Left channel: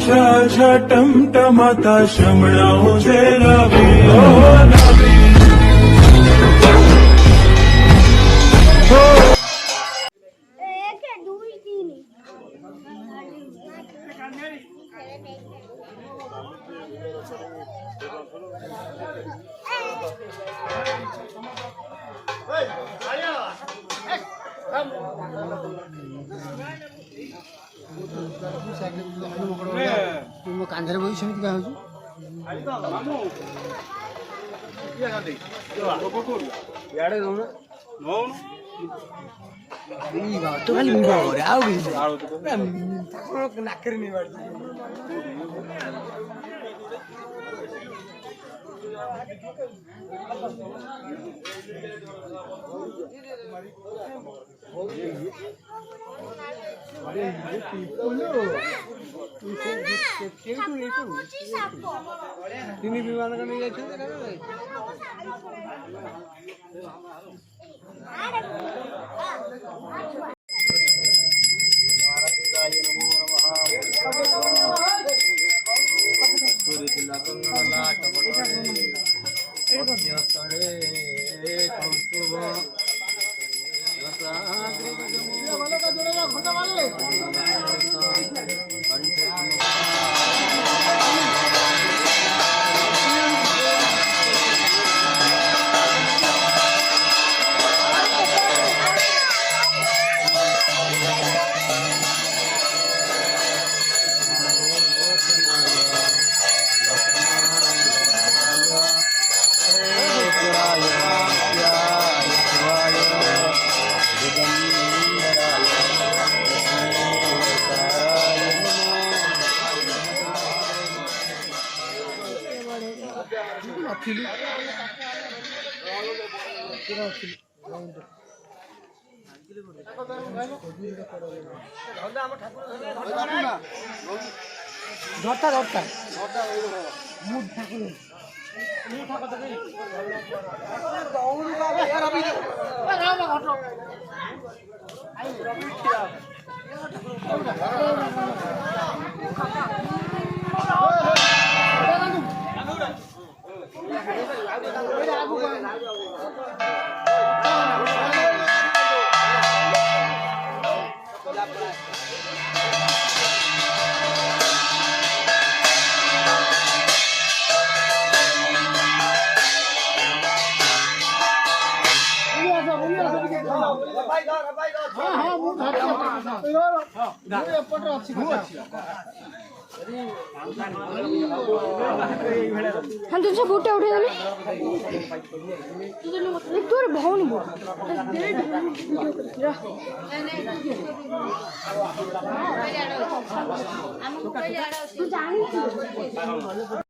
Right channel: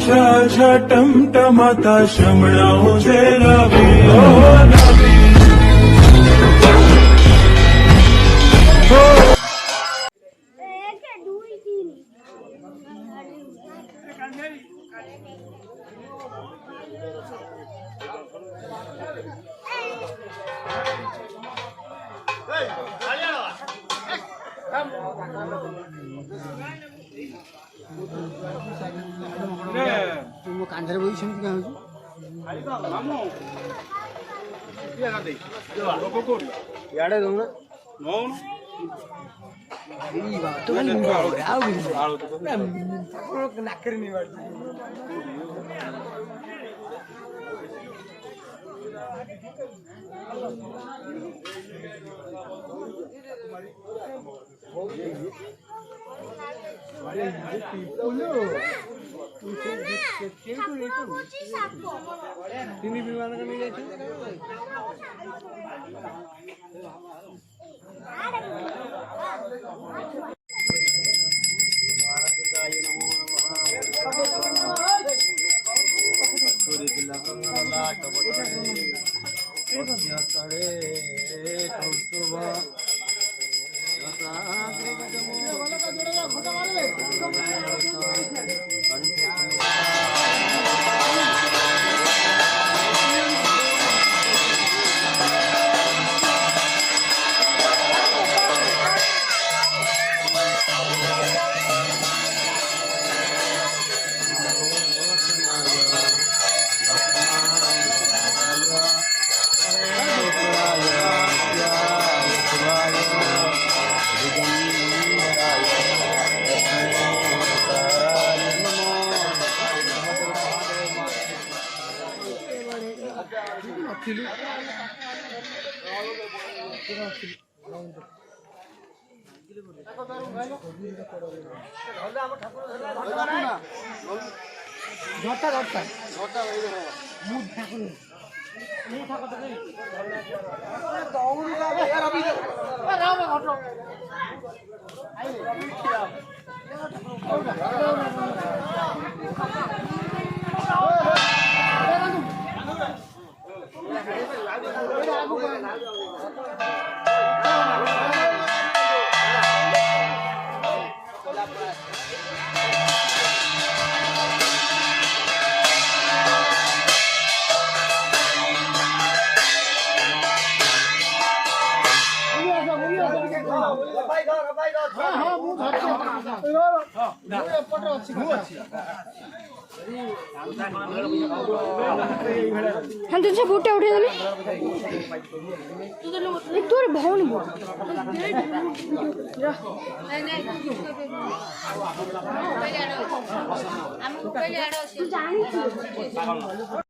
छा टमटमाता शमणाओ दे रवि ओ नबी कांधर बोली सेमती क्या याडे दूना तो खाली मुंडा रे आउ भी नाकरी नहीं बात তিনি বিমান নিয়ে যাচ্ছেন हम तुझसे बूटे उठे ना तोर भौन बोल तू जानी